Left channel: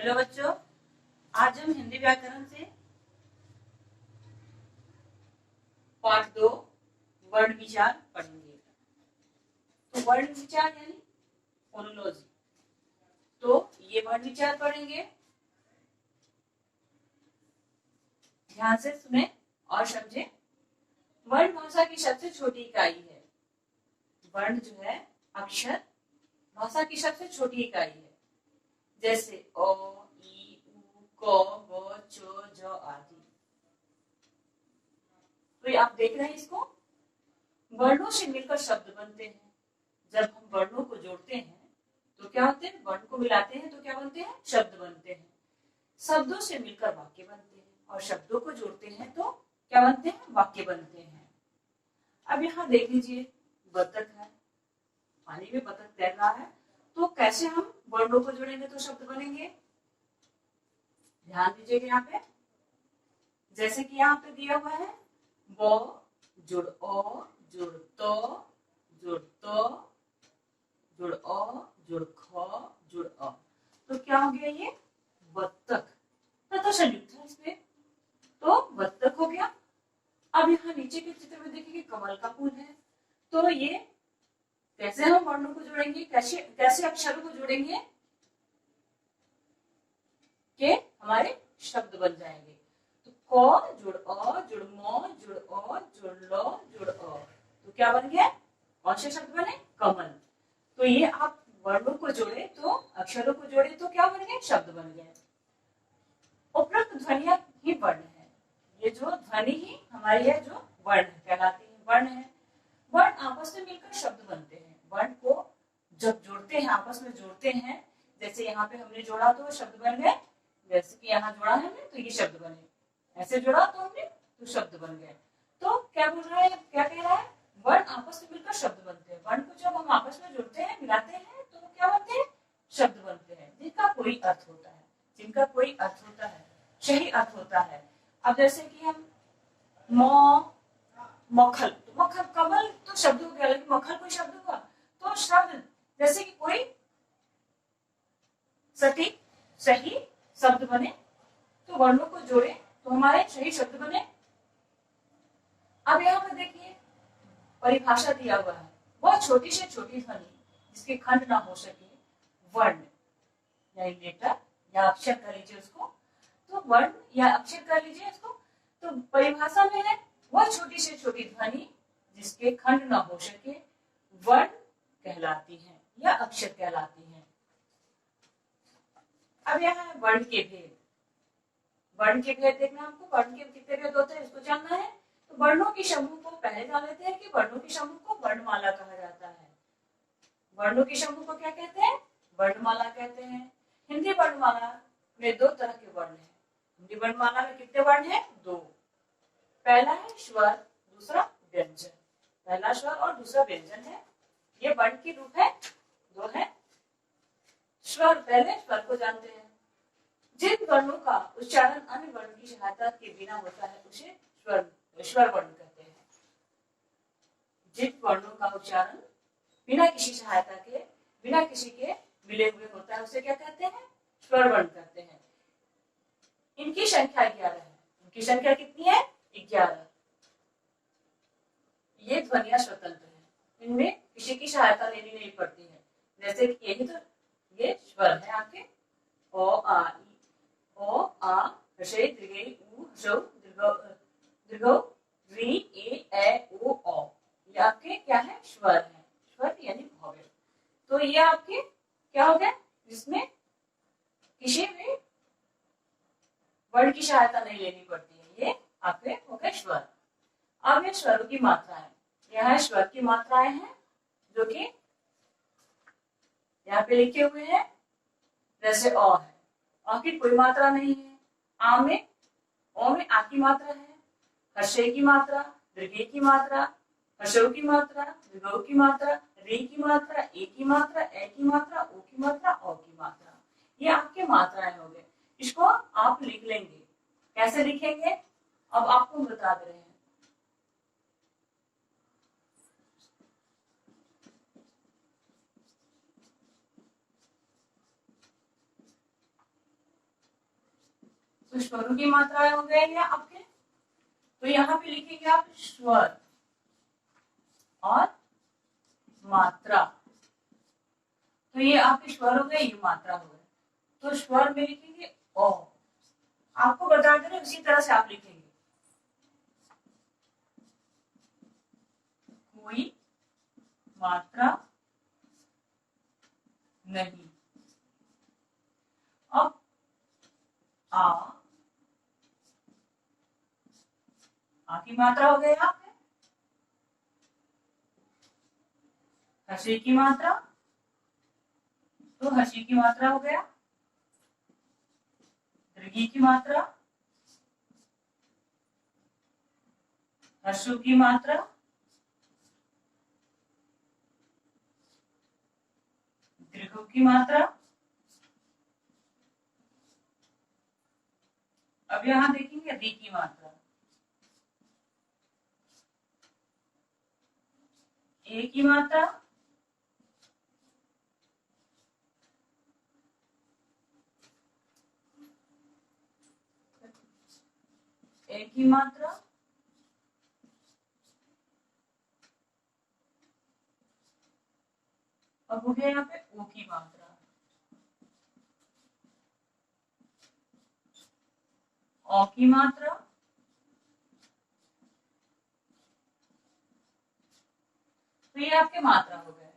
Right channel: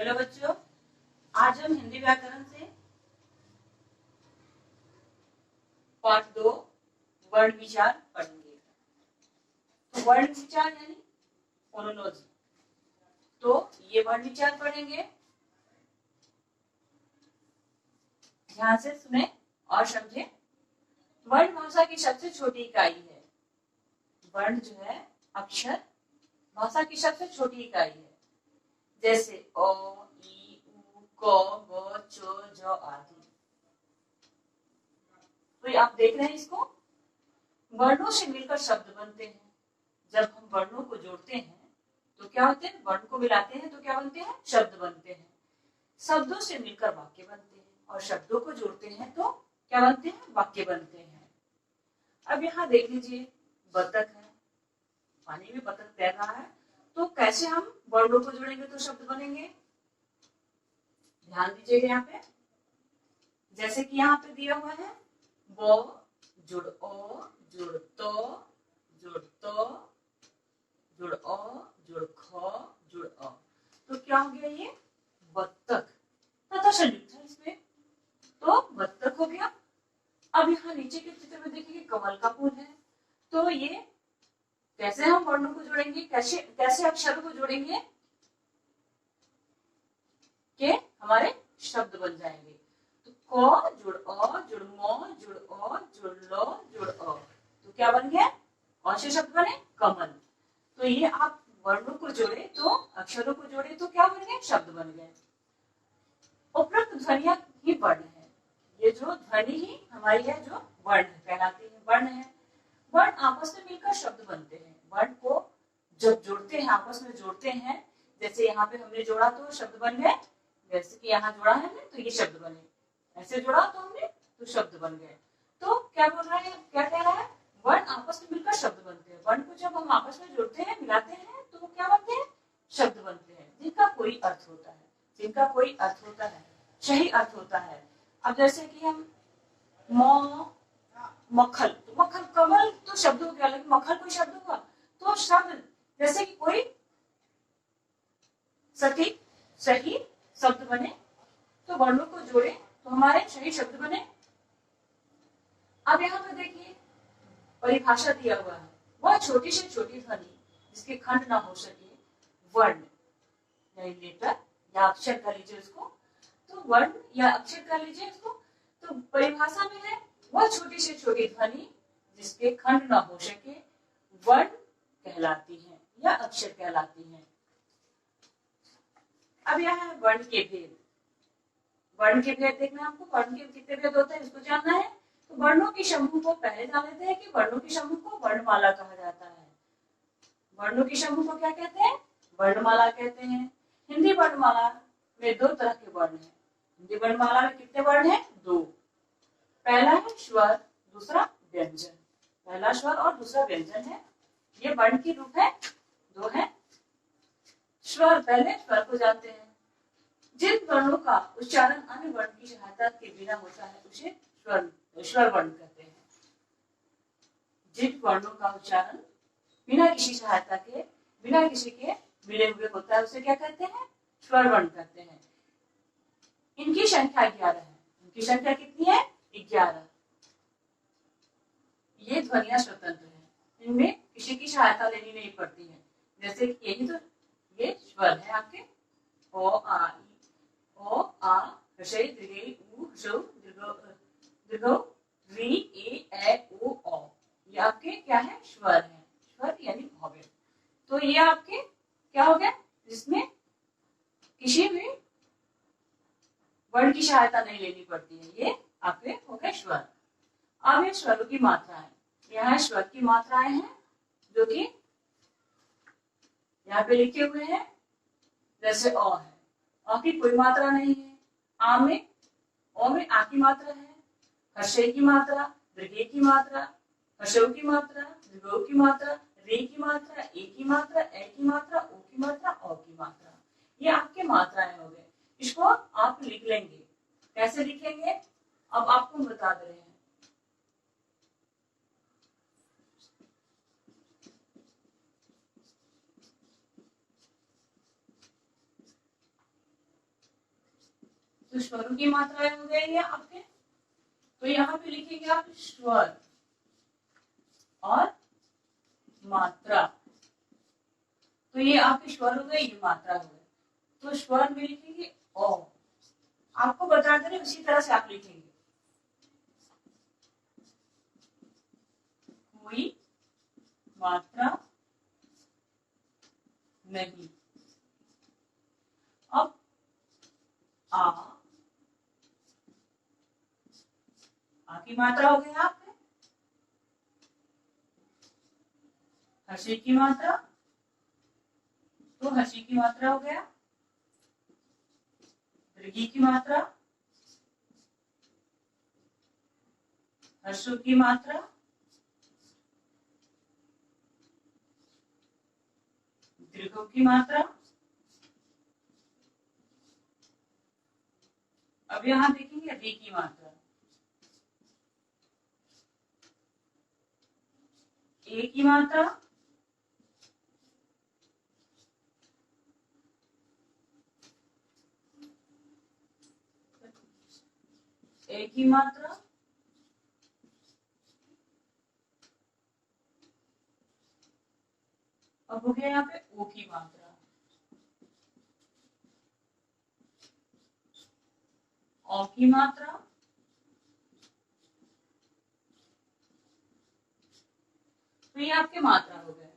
Hello बच्चों, आज हम हिंदी व्याकरण से पाठ 2 वर्ण विचार पढ़ेंगे। तो वर्ण विचार यानी फोनोलॉजी। तो ये वर्ण विचार पढ़ेंगे, ध्यान से सुने और समझे। वर्ण भाषा की सबसे छोटी इकाई है। वर्ण जो है अक्षर भाषा की सबसे छोटी इकाई है, जैसे अ, ई, उ, क, ग, च, ज आदि। तो आप देख रहे हैं इसको, वर्णों से मिलकर शब्द बनते हैं। जब हम वर्णों को जोड़ते हैं तो क्या होते हैं, वर्ण को मिलाते हैं तो क्या बनते हैं, शब्द बनते हैं। शब्दों से मिलकर वाक्य बनते हैं और शब्दों को जोड़ते हैं तो क्या बनते हैं, वाक्य बनते हैं। अब यहाँ देख लीजिए, बतख है, पानी में बतख तैर रहा है, तो कैसे हम वर्णों को जोड़ेंगे तो शब्द बनेंगे। ध्यान दीजिएगा यहाँ पे, जैसे कि यहाँ पे दिया हुआ है वो जुड़ ओ जुड़ तो जुड़ तो जुड़ ओ जुड़ ख जुड़ अ, तो क्या हो गया, ये बत्तख तथा संयुक्त है इसमें, तो बत्तख हो गया। अब यहाँ नीचे के चित्र में देखिए कमल का फूल है। तो ये कैसे हम वर्णों को जोड़ेंगे, कैसे कैसे अक्षरों को जोड़ेंगे कि हमारे शब्द बन जाएंगे। तो क जुड़ अ जुड़ म जुड़ अ जुड़ ल जुड़ अ, तो क्या बन गया, कौन से शब्द बने, कमल। तो ये आप वर्णों को जोड़े तो अक्षरों को जोड़े तो क्या बन गए, शब्द बन गए। उपरोक्त ध्वनियां ही वर्ण है। ये जो ध्वनि ही हमारी है जो वर्ण कहलाती है, वर्ण है। वर्ण आपस में मिलकर शब्द बनते हैं। वर्ण को जब जोड़ते हैं, आपस में जोड़ते हैं, जैसे यहाँ पे हमने जोड़ा तो शब्द बन गए, जैसे कि यहाँ जोड़ा है हमने तो ये शब्द बने, ऐसे जोड़ा तो हमने तो शब्द बन गए। तो क्या बोल रहा है, क्या कह रहा है, वर्ण आपस में मिलकर शब्द बनते हैं। वर्ण को जब हम आपस में जोड़ते हैं, मिलाते हैं तो क्या बनते हैं, शब्द बनते हैं, जिनका कोई अर्थ होता है, जिनका कोई अर्थ होता है, सही अर्थ होता है। अब जैसे कि हम मक्खल, तो मक्खल कमल तो शब्द हो गया, लेकिन मक्खल कोई शब्द हुआ, तो शब्द जैसे कि कोई सटीक सही शब्द बने, तो वर्णों को जोड़े तो हमारे सही शब्द बने। अब यहाँ पे देखिए परिभाषा दिया हुआ है, वह छोटी से छोटी ध्वनि जिसके खंड ना हो सके, वर्ण यानी लेटर या अक्षर कह लीजिए उसको, तो वर्ण या अक्षर कह लीजिए इसको। तो परिभाषा में है वह छोटी से छोटी ध्वनि जिसके खंड ना हो सके, वर्ण कहलाती है या अक्षर कहलाती है। अब यहाँ है वर्ण के भेद। वर्ण के भेद देखना आपको, वर्ण के कितने भेद होते हैं इसको जानना है। तो वर्णों के समूह को पहले जान लेते हैं कि वर्णों के समूह को वर्णमाला कहा जाता है। वर्णों के समूह को क्या कहते हैं, वर्णमाला कहते हैं। हिंदी वर्णमाला में दो तरह के वर्ण हैं। हिंदी वर्णमाला में कितने वर्ण हैं, दो। पहला है स्वर, दूसरा व्यंजन। पहला स्वर और दूसरा व्यंजन है, ये वर्ण की रूप है, दो है। स्वर, पहले स्वर को जानते हैं। जिन वर्णों का उच्चारण अन्य वर्ण की सहायता के बिना होता है उसे स्वर वर्ण कहते हैं। जिन वर्णों का उच्चारण बिना किसी सहायता के, बिना किसी के मिले हुए होता है उसे क्या कहते हैं, स्वर वर्ण कहते हैं। इनकी संख्या 11 है। इनकी संख्या कितनी है, 11। ये ध्वनियां स्वतंत्र है, इनमें किसी की सहायता लेनी नहीं पड़ती है। जैसे कि यही तो ये स्वर है आपके, ओ आ ई, ओ आ हसई दीर्घई उ हसौ दीर्घौ री ए ओ औ, ये आपके क्या है, स्वर है। स्वर यानी भव्य। तो ये आपके क्या हो गया, जिसमें किसी भी वर्ण की सहायता नहीं लेनी पड़ती है, ये आपके हो गए स्वर। अब ये स्वरों की मात्राएं, यहाँ स्वर की मात्राएं हैं जो कि यहाँ पे लिखे हुए हैं। जैसे अ है, अ की कोई मात्रा नहीं है। आ में, ओ में आ की मात्रा है, हर्षे की मात्रा, दीर्घे की मात्रा, हर्षो की मात्रा, दीर्घो की मात्रा, रे की मात्रा, ए की मात्रा, ए की मात्रा, ओ की मात्रा, औ की मात्रा, ये आपके मात्राएं हो गए। इसको आप लिख लेंगे, कैसे लिखेंगे अब आपको बता दे रहे हैं। तो स्वरों की मात्राएं हो गए ये आपके। तो यहाँ पे लिखेंगे आप स्वर और मात्रा। तो ये आपके स्वर हो गए, ये मात्रा हो गए। तो स्वर में लिखेंगे ओ। आपको बता दे रहे उसी तरह से आप लिखेंगे। कोई मात्रा नहीं। अब आ की मात्रा हो गई आप में। हसी की मात्रा, तो हसी की मात्रा हो गया। दीर्घी की मात्रा, हर्षों की मात्रा, दीर्घों की मात्रा। अब यहां देखेंगे दी की मात्रा। ए की मात्रा, ए की मात्रा, अब हो गया यहाँ पे ओ की मात्रा, औ की मात्रा, तो ये आपके मात्रा हो गए।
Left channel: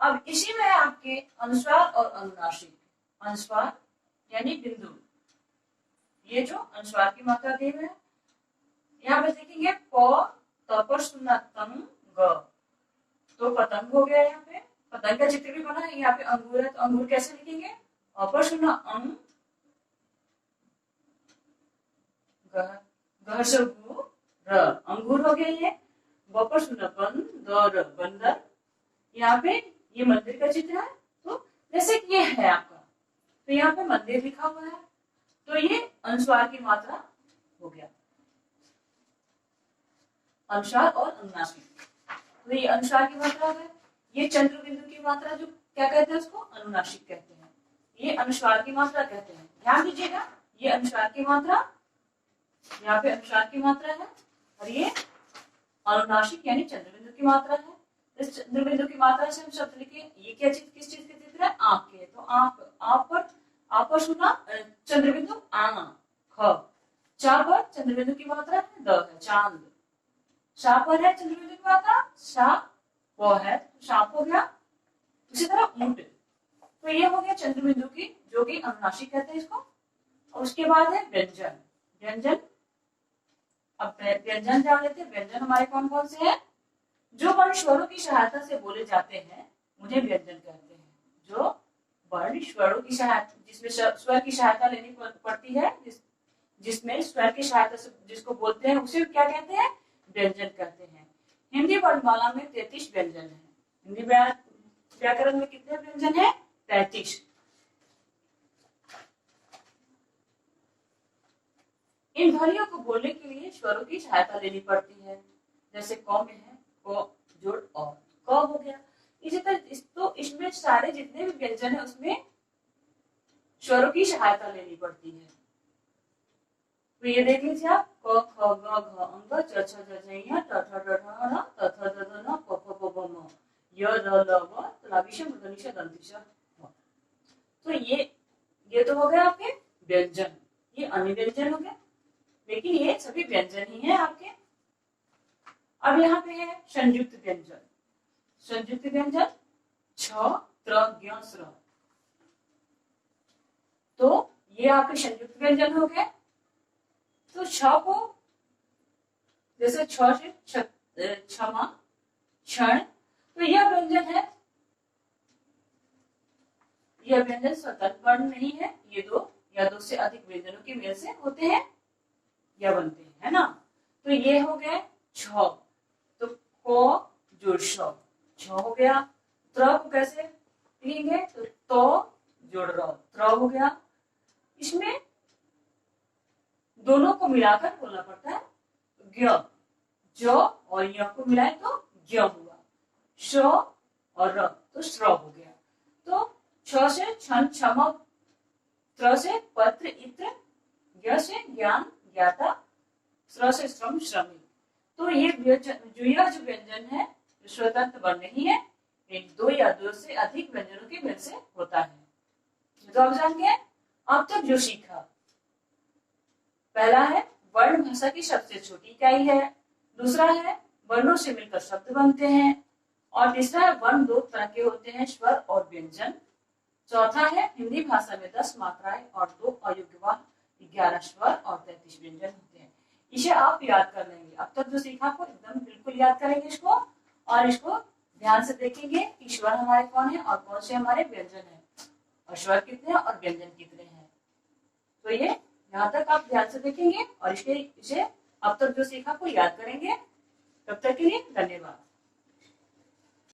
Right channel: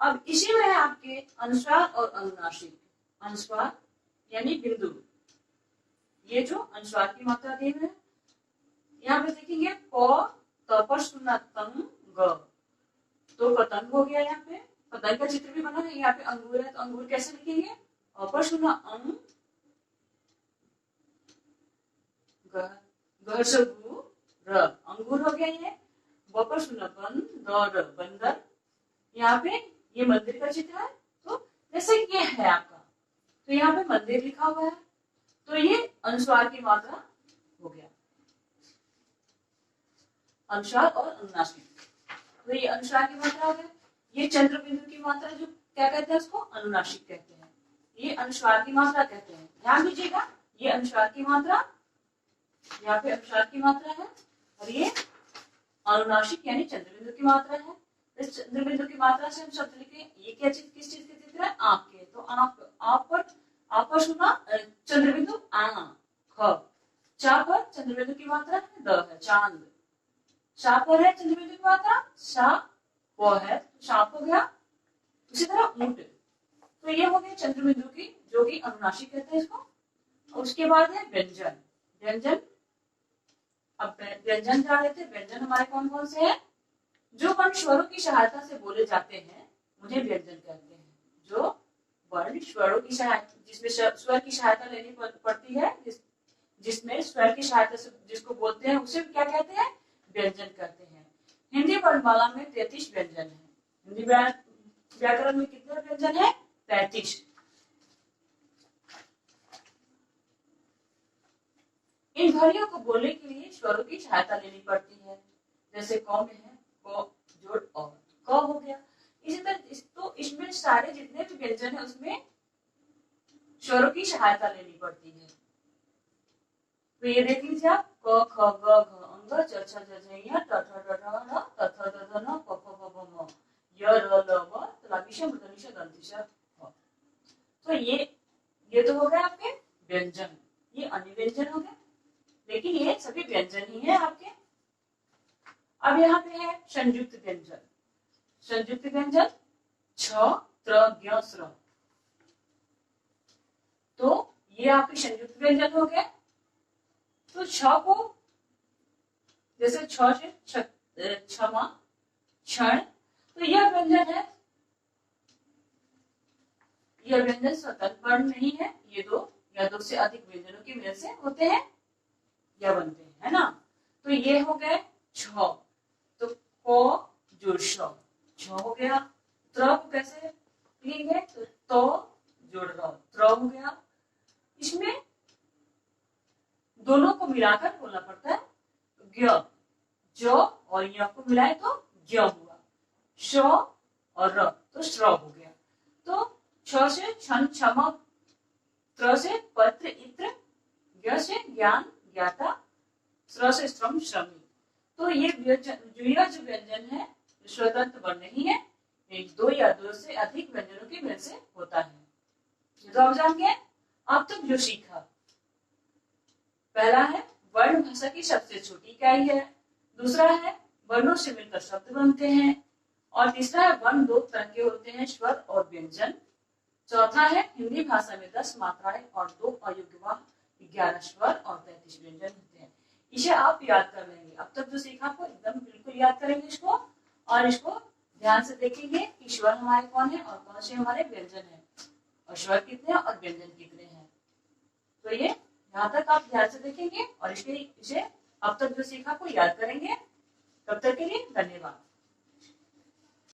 अब इसी में आपके अनुस्वार और अनुनासिक। अनुस्वार यानी बिंदु, ये जो अनुस्वार की मात्रा दी हुई है, यहाँ पे देखेंगे प तपर सुना तंग ग, तो पतंग हो गया। यहाँ पे पतंग का चित्र भी बना है। यहाँ पे अंगूर है, तो अंगूर कैसे लिखेंगे? अपर सुना अंग र, अंगूर हो गया ये। बपर सुना बन दर, बंदर। यहाँ पे ये मंदिर का चित्र है, तो जैसे कि ये है आपका, तो यहाँ पे मंदिर लिखा हुआ है, तो ये अनुस्वार की मात्रा हो गया। अनुस्वार और अनुनासिक, तो ये अनुस्वार की मात्रा है। ये चंद्र बिंदु की मात्रा जो क्या कहते हैं, उसको अनुनासिक कहते हैं। ये अनुस्वार की मात्रा कहते हैं। ध्यान दीजिएगा, ये अनुस्वार की मात्रा, यहाँ पे अनुस्वार की मात्रा है, और ये अनुनासिक यानी चंद्र बिंदु की मात्रा है। इस चंद्र बिंदु की मात्रा से हम शब्द लिखे। ये क्या चीज, किस चीज के चित्र है? आंख के। तो आप पर सुना चंद्र बिंदु आ ख। चा पर चंद्र बिंदु की मात्रा है द है, चांद। शा पर है चंद्र बिंदु की मात्रा शा, वो है, शाप हो गया। उसी तरह ऊंट, तो ये हो गया चंद्र बिंदु की, जो कि अनुनासिक कहते हैं इसको। और उसके बाद है व्यंजन। व्यंजन, अब व्यंजन जान लेते हैं। व्यंजन हमारे कौन कौन से हैं? जो वर्ण स्वरों की सहायता से बोले जाते हैं उन्हें व्यंजन कहते हैं। जो वर्ण स्वरों की सहायता, जिसमें स्वर की सहायता लेनी पड़ती है, जिसमें स्वर की सहायता से जिसको बोलते हैं, उसे क्या कहते हैं? व्यंजन कहते हैं। हिंदी वर्णमाला में 33 व्यंजन है। हिंदी व्याकरण में कितने व्यंजन है? 33। इन ध्वनियों को बोलने के लिए स्वरों की सहायता लेनी पड़ती है। जैसे क में है क जोड़ और, क हो गया। इसी तरह तो इसमें सारे जितने भी व्यंजन है उसमें स्वरों की सहायता लेनी पड़ती है। तो ये देख लीजिए आप, क ख ग घ अंग च छ ज झ ञ ट ठ ड ढ ण त थ द ध न प फ ब भ म य र ल व तलाभिष मूर्धनिष दंतिष ह। तो ये तो हो गया आपके व्यंजन। ये अन्य व्यंजन हो गया, लेकिन ये सभी व्यंजन ही है आपके। अब यहाँ पे है संयुक्त व्यंजन। संयुक्त व्यंजन छ त्र ज्ञ स्र, तो ये आपके संयुक्त व्यंजन हो गए। तो छ को जैसे छ से क्षमा, क्षण, तो यह व्यंजन है। यह व्यंजन स्वतंत्र वर्ण नहीं है, ये दो या दो से अधिक व्यंजनों के मेल से होते हैं या बनते हैं, है ना। तो ये हो गए छ, तो को जोड़ श, छ हो गया। त्र को कैसे लिखेंगे? तो जोड़ र, त्र हो गया। इसमें दोनों को मिलाकर बोलना पड़ता है। ज्ञ, ज और य को मिलाए तो ज्ञ हुआ। श और र तो श्र हो गया। तो छ से क्षण, क्षमा, त्र से पत्र, इत्र, ज्ञ से ज्ञान, ज्ञाता, श्र से श्रम, श्रमिक। तो ये जो व्यंजन है जो स्वतंत्र वर्ण नहीं है, एक दो या दो से अधिक व्यंजनों के मेल से होता है। तो आप जान गए अब तक जो सीखा। पहला है वर्ण भाषा की सबसे छोटी इकाई है, दूसरा है वर्णों से मिलकर शब्द बनते हैं, और तीसरा है वर्ण दो तरह के होते हैं, स्वर और व्यंजन। चौथा है हिंदी भाषा में 10 मात्राएं और 2 अयोग्यवान, 11 स्वर और 33 व्यंजन होते हैं। इसे आप याद कर लेंगे। अब तक जो सीखा को एकदम बिल्कुल याद करेंगे इसको, और इसको ध्यान से देखेंगे कि स्वर हमारे कौन है और कौन से हमारे व्यंजन है, और स्वर कितने हैं और व्यंजन कितने हैं। तो ये यहाँ तक आप ध्यान से देखेंगे और इसे अब तक जो सीखा को याद करेंगे। तब तक के लिए धन्यवाद।